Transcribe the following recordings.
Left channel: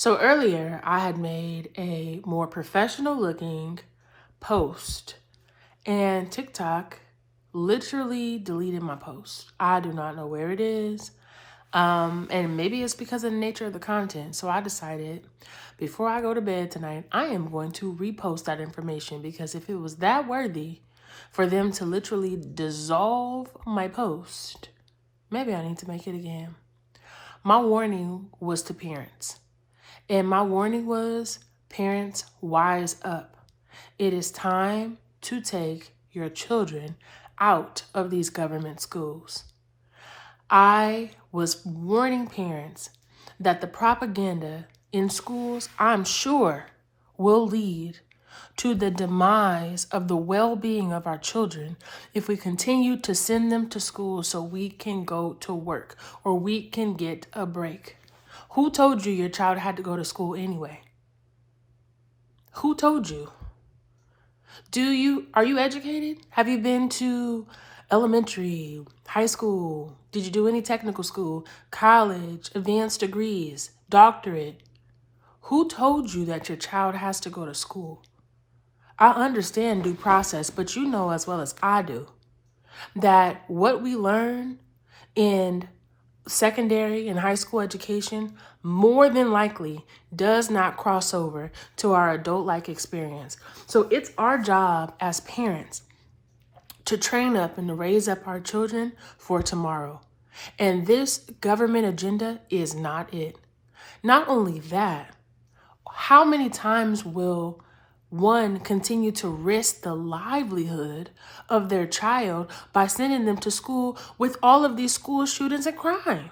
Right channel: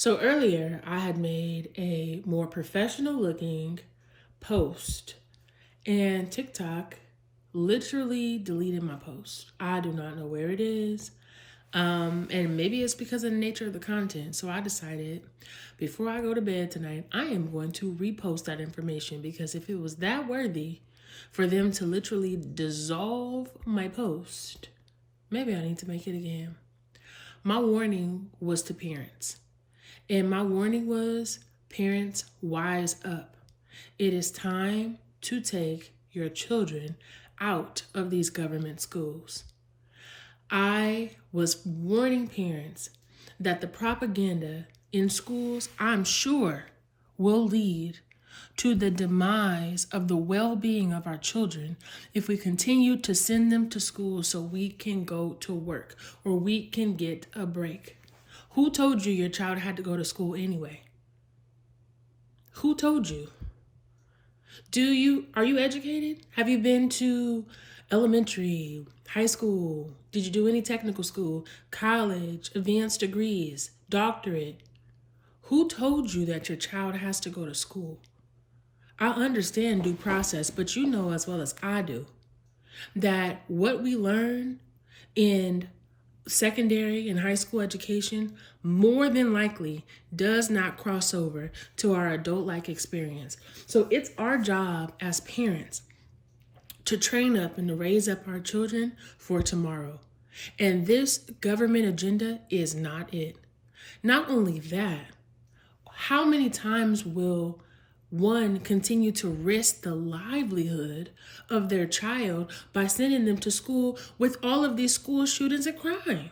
So earlier, I had made a more professional looking post, and TikTok literally deleted my post. I do not know where it is. And maybe it's because of the nature of the content. So I decided before I go to bed tonight, I am going to repost that information because if it was that worthy for them to literally dissolve my post, maybe I need to make it again. My warning was to parents. And my warning was, parents, wise up. It is time to take your children out of these government schools. I was warning parents that the propaganda in schools, I'm sure, will lead to the demise of the well-being of our children if we continue to send them to school so we can go to work or we can get a break. Who told you your child had to go to school anyway? Who told you? Are you educated? Have you been to elementary, high school? Did you do any technical school, college, advanced degrees, doctorate? Who told you that your child has to go to school? I understand due process, but you know as well as I do that what we learn in secondary and high school education more than likely does not cross over to our adult-like experience. So it's our job as parents to train up and to raise up our children for tomorrow. And this government agenda is not it. Not only that, how many times will one continue to risk the livelihood of their child by sending them to school with all of these school shootings and crime?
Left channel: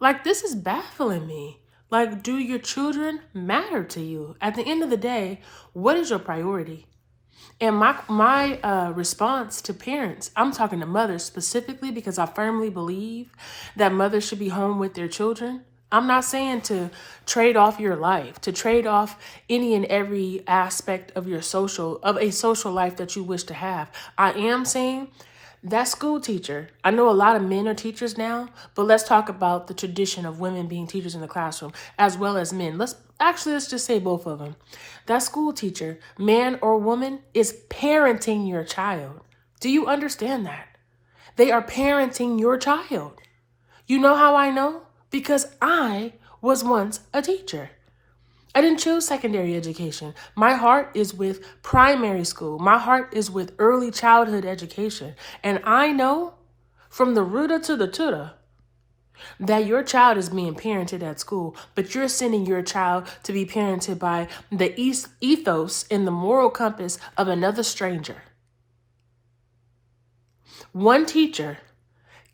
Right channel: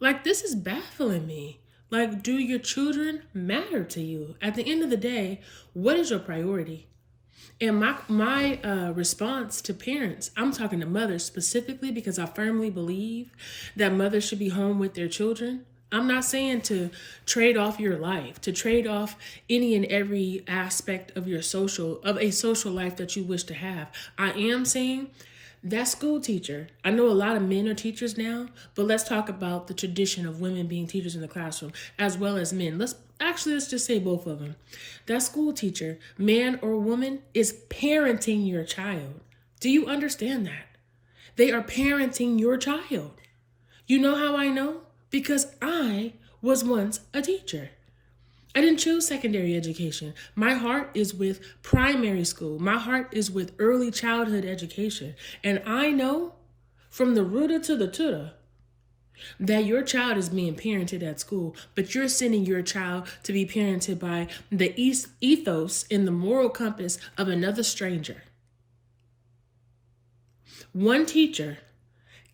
Like, this is baffling me. Like, do your children matter to you? At the end of the day, what is your priority? And my response to parents, I'm talking to mothers specifically because I firmly believe that mothers should be home with their children. I'm not saying to trade off your life, to trade off any and every aspect of a social life that you wish to have. I am saying that school teacher, I know a lot of men are teachers now, but let's talk about the tradition of women being teachers in the classroom as well as men. Let's just say both of them. That school teacher, man or woman, is parenting your child. Do you understand that? They are parenting your child. You know how I know? Because I was once a teacher. I didn't choose secondary education. My heart is with primary school. My heart is with early childhood education. And I know from the rooter to the tutor that your child is being parented at school, but you're sending your child to be parented by the ethos and the moral compass of another stranger. One teacher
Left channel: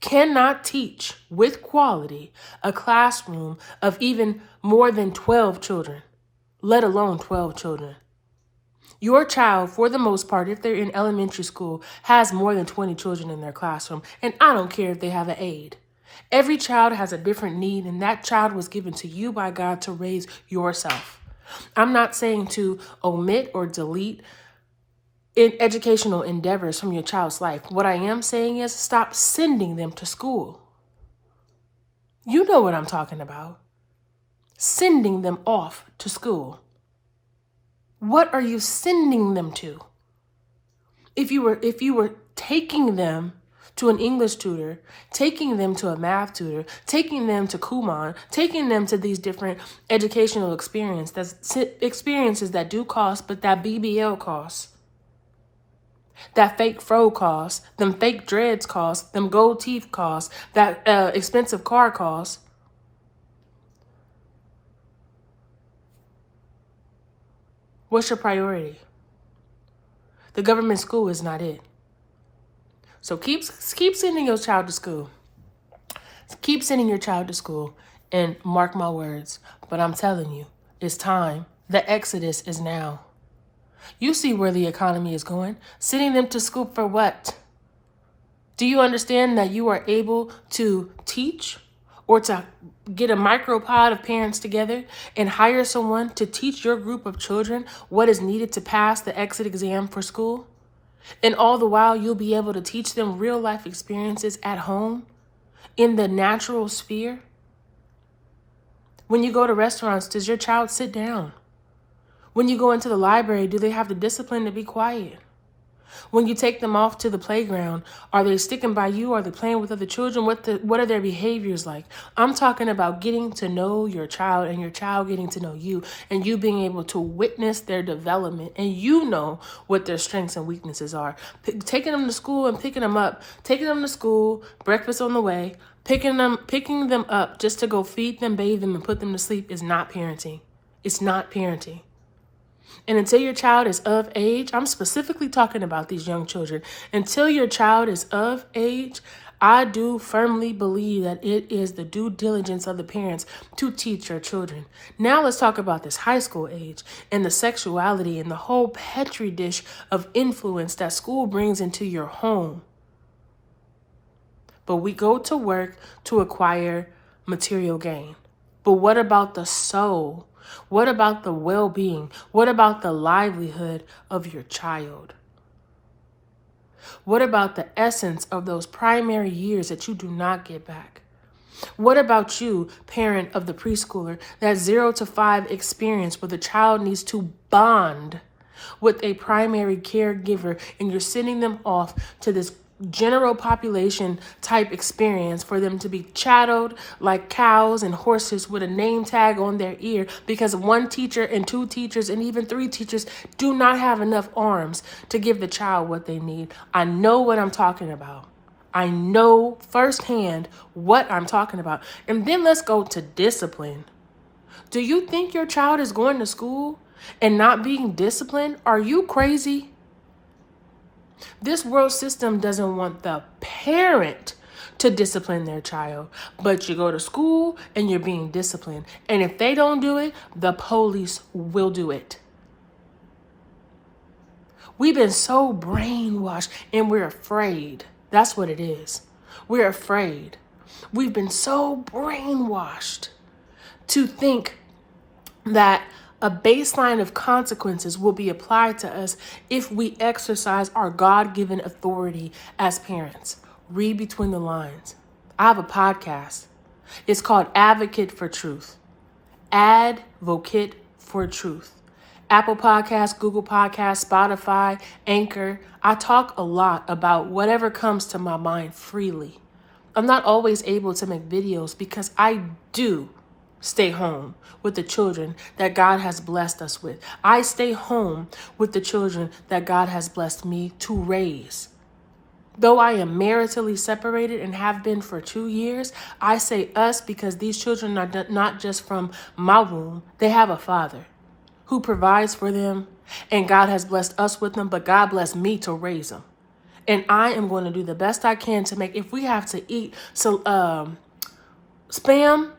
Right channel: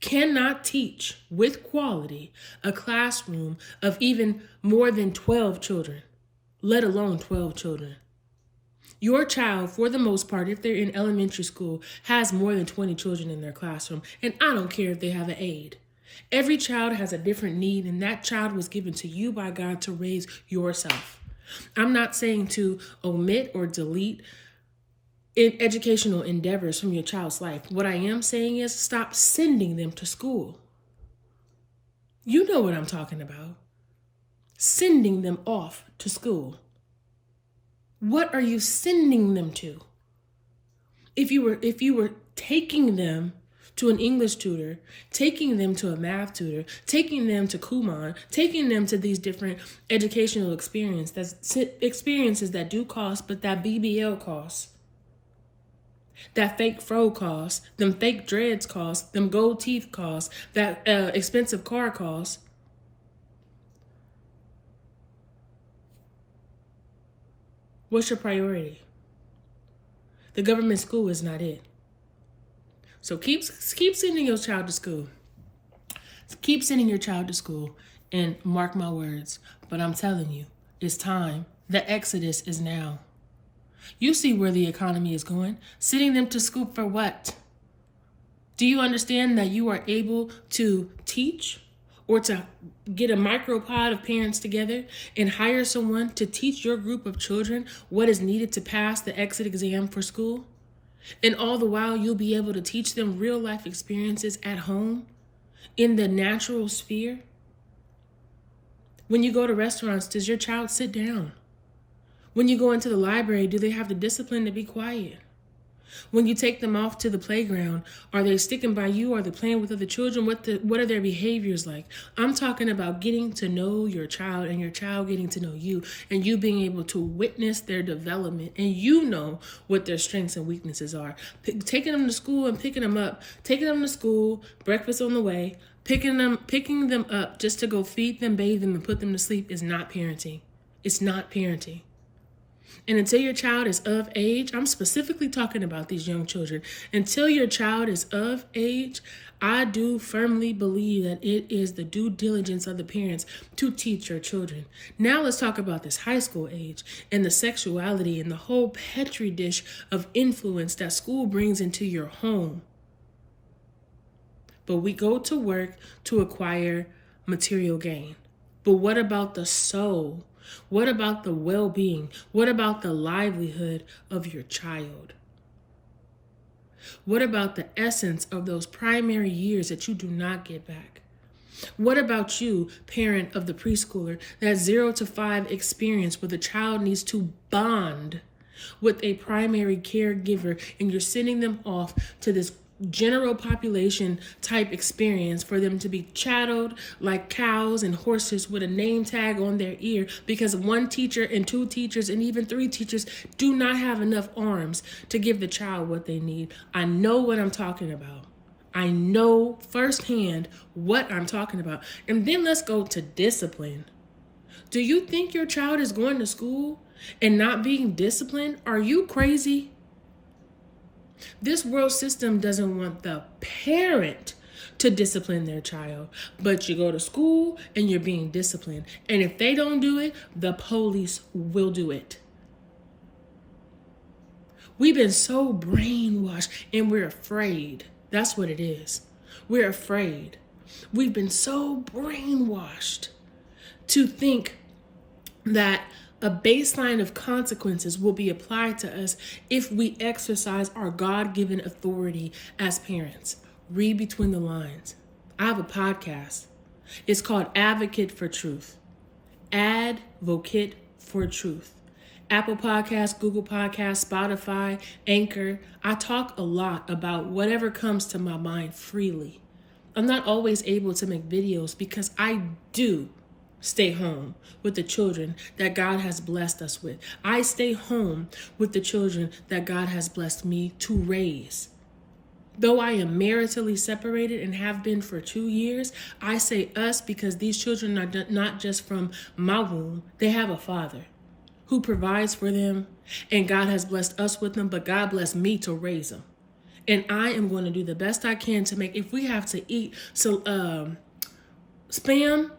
cannot teach with quality a classroom of even more than 12 children, let alone 12 children. Your child, for the most part, if they're in elementary school, has more than 20 children in their classroom, and I don't care if they have an aide. Every child has a different need, and that child was given to you by God to raise yourself. I'm not saying to omit or delete educational endeavors from your child's life. What I am saying is stop sending them to school. You know what I'm talking about. Sending them off to school. What are you sending them to? If you were taking them to an English tutor, taking them to a math tutor, taking them to Kumon, taking them to these different educational experiences that do cost, but that BBL costs. That fake fro costs, them fake dreads costs, them gold teeth costs, that expensive car costs. What's your priority? The government school is not it. So keep sending your child to school. Keep sending your child to school, and mark my words, but I'm telling you, it's time. The exodus is now. You see where the economy is going. Sending them to school for what? Do you understand that you are able to teach or to get a micropod of parents together and hire someone to teach your group of children what is needed to pass the exit exam for school? And all the while, you'll be able to teach them real life experiences at home in the natural sphere. When you go to restaurants, does your child sit down? When you go into the library, do they have the discipline to be quiet? When you take them off to the playground, are they sticking by you? Are they playing with other children? What are their behaviors like? I'm talking about getting to know your child and your child getting to know you, and you being able to witness their development, and you know what their strengths and weaknesses are. Taking them to school and picking them up, taking them to school, breakfast on the way, picking them up just to go feed them, bathe them, and put them to sleep is not parenting. It's not parenting. And until your child is of age, I'm specifically talking about these young children. Until your child is of age, I do firmly believe that it is the due diligence of the parents to teach your children. Now let's talk about this high school age and the sexuality and the whole petri dish of influence that school brings into your home. But we go to work to acquire material gain. But what about the soul? What about the well-being? What about the livelihood of your child? What about the essence of those primary years that you do not get back? What about you, parent of the preschooler, that 0 to 5 experience where the child needs to bond with a primary caregiver and you're sending them off to this general population type experience for them to be chatteled like cows and horses with a name tag on their ear because one teacher and 2 teachers and even 3 teachers do not have enough arms to give the child what they need. I know what I'm talking about. I know firsthand what I'm talking about. And then let's go to discipline. Do you think your child is going to school and not being disciplined? Are you crazy? This world system doesn't want the parent to discipline their child, but you go to school and you're being disciplined. And if they don't do it, the police will do it. We've been so brainwashed and we're afraid. That's what it is. We're afraid. We've been so brainwashed to think that a baseline of consequences will be applied to us if we exercise our God-given authority as parents. Read between the lines. I have a podcast. It's called Advocate for Truth. Advocate for Truth. Apple Podcasts, Google Podcasts, Spotify, Anchor. I talk a lot about whatever comes to my mind freely. I'm not always able to make videos because I do stay home with the children that God has blessed us with. I stay home with the children that God has blessed me to raise. Though I am maritally separated and have been for 2 years, I say us because these children are not just from my womb. They have a father who provides for them, and God has blessed us with them, but God blessed me to raise them. And I am going to do the best I can to make, if we have to eat spam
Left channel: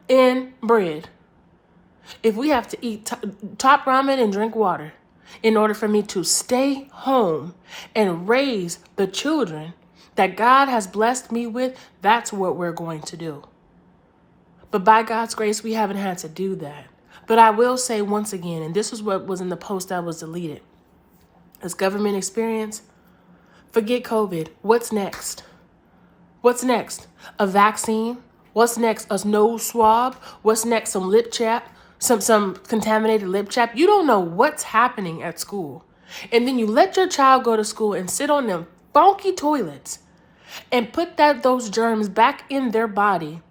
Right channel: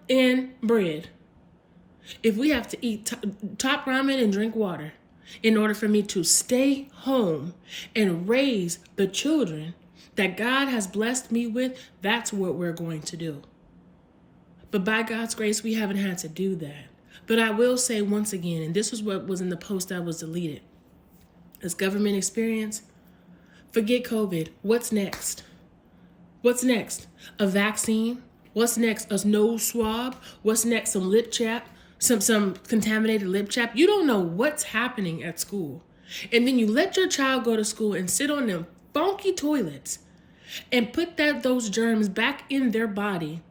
and bread, if we have to eat top ramen and drink water in order for me to stay home and raise the children that God has blessed me with, that's what we're going to do. But by God's grace, we haven't had to do that. But I will say once again, and this is what was in the post that was deleted, this government experience, forget COVID. What's next? What's next? A vaccine? What's next? A nose swab? What's next? Some lip chap? Some contaminated lip chap? You don't know what's happening at school. And then you let your child go to school and sit on them funky toilets and put those germs back in their body,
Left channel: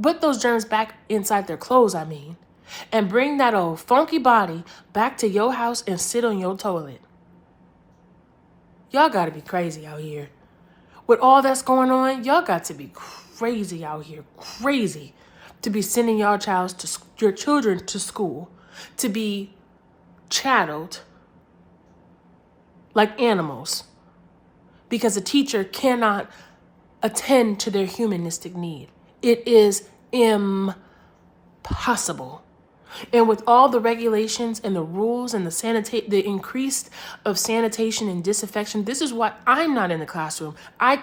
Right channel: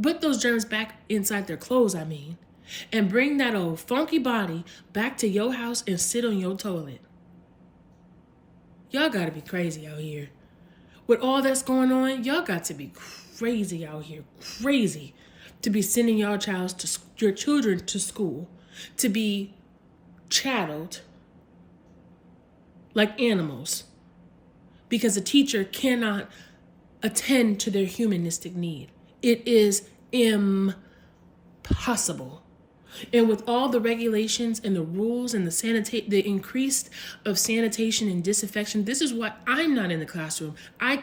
put those germs back inside their clothes, and bring that old funky body back to your house and sit on your toilet. Y'all got to be crazy out here. With all that's going on, y'all got to be crazy out here. Crazy to be sending your children to school to be chatteled like animals because a teacher cannot attend to their humanistic need. It is impossible. And with all the regulations and the rules and the increase of sanitation and disinfection, this is why I'm not in the classroom. I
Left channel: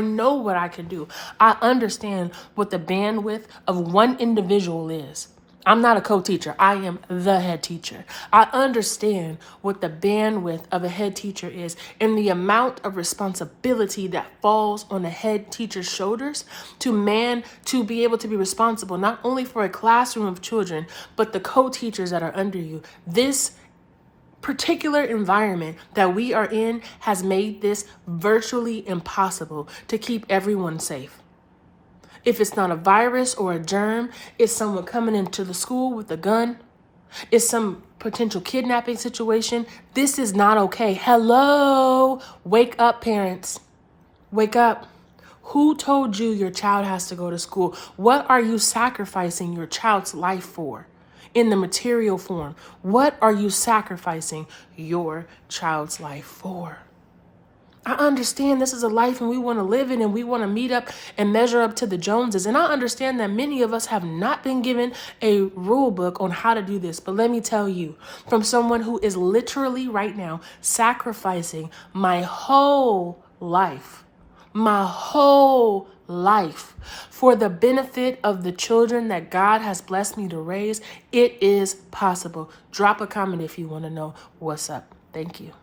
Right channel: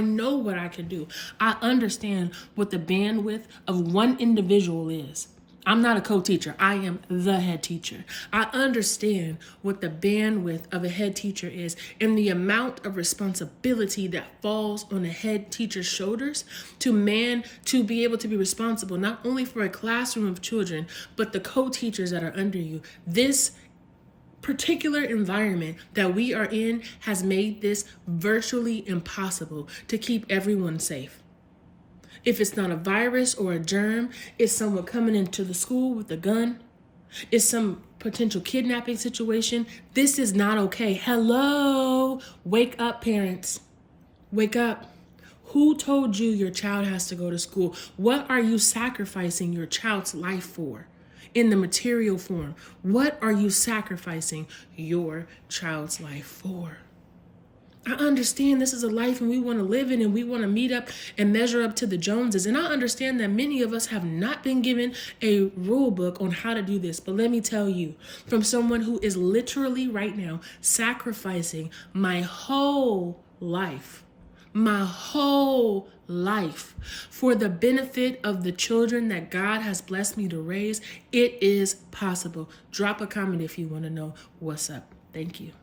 know what I can do. I understand what the bandwidth of one individual is. I'm not a co-teacher. I am the head teacher. I understand what the bandwidth of a head teacher is and the amount of responsibility that falls on a head teacher's shoulders to be able to be responsible not only for a classroom of children, but the co-teachers that are under you. This particular environment that we are in has made this virtually impossible to keep everyone safe. If it's not a virus or a germ, it's someone coming into the school with a gun. It's some potential kidnapping situation. This is not okay. Hello, wake up, parents. Wake up. Who told you your child has to go to school? What are you sacrificing your child's life for in the material form? What are you sacrificing your child's life for? I understand this is a life and we want to live it and we want to meet up and measure up to the Joneses. And I understand that many of us have not been given a rule book on how to do this. But let me tell you, from someone who is literally right now sacrificing my whole life for the benefit of the children that God has blessed me to raise, it is possible. Drop a comment if you want to know what's up. Thank you.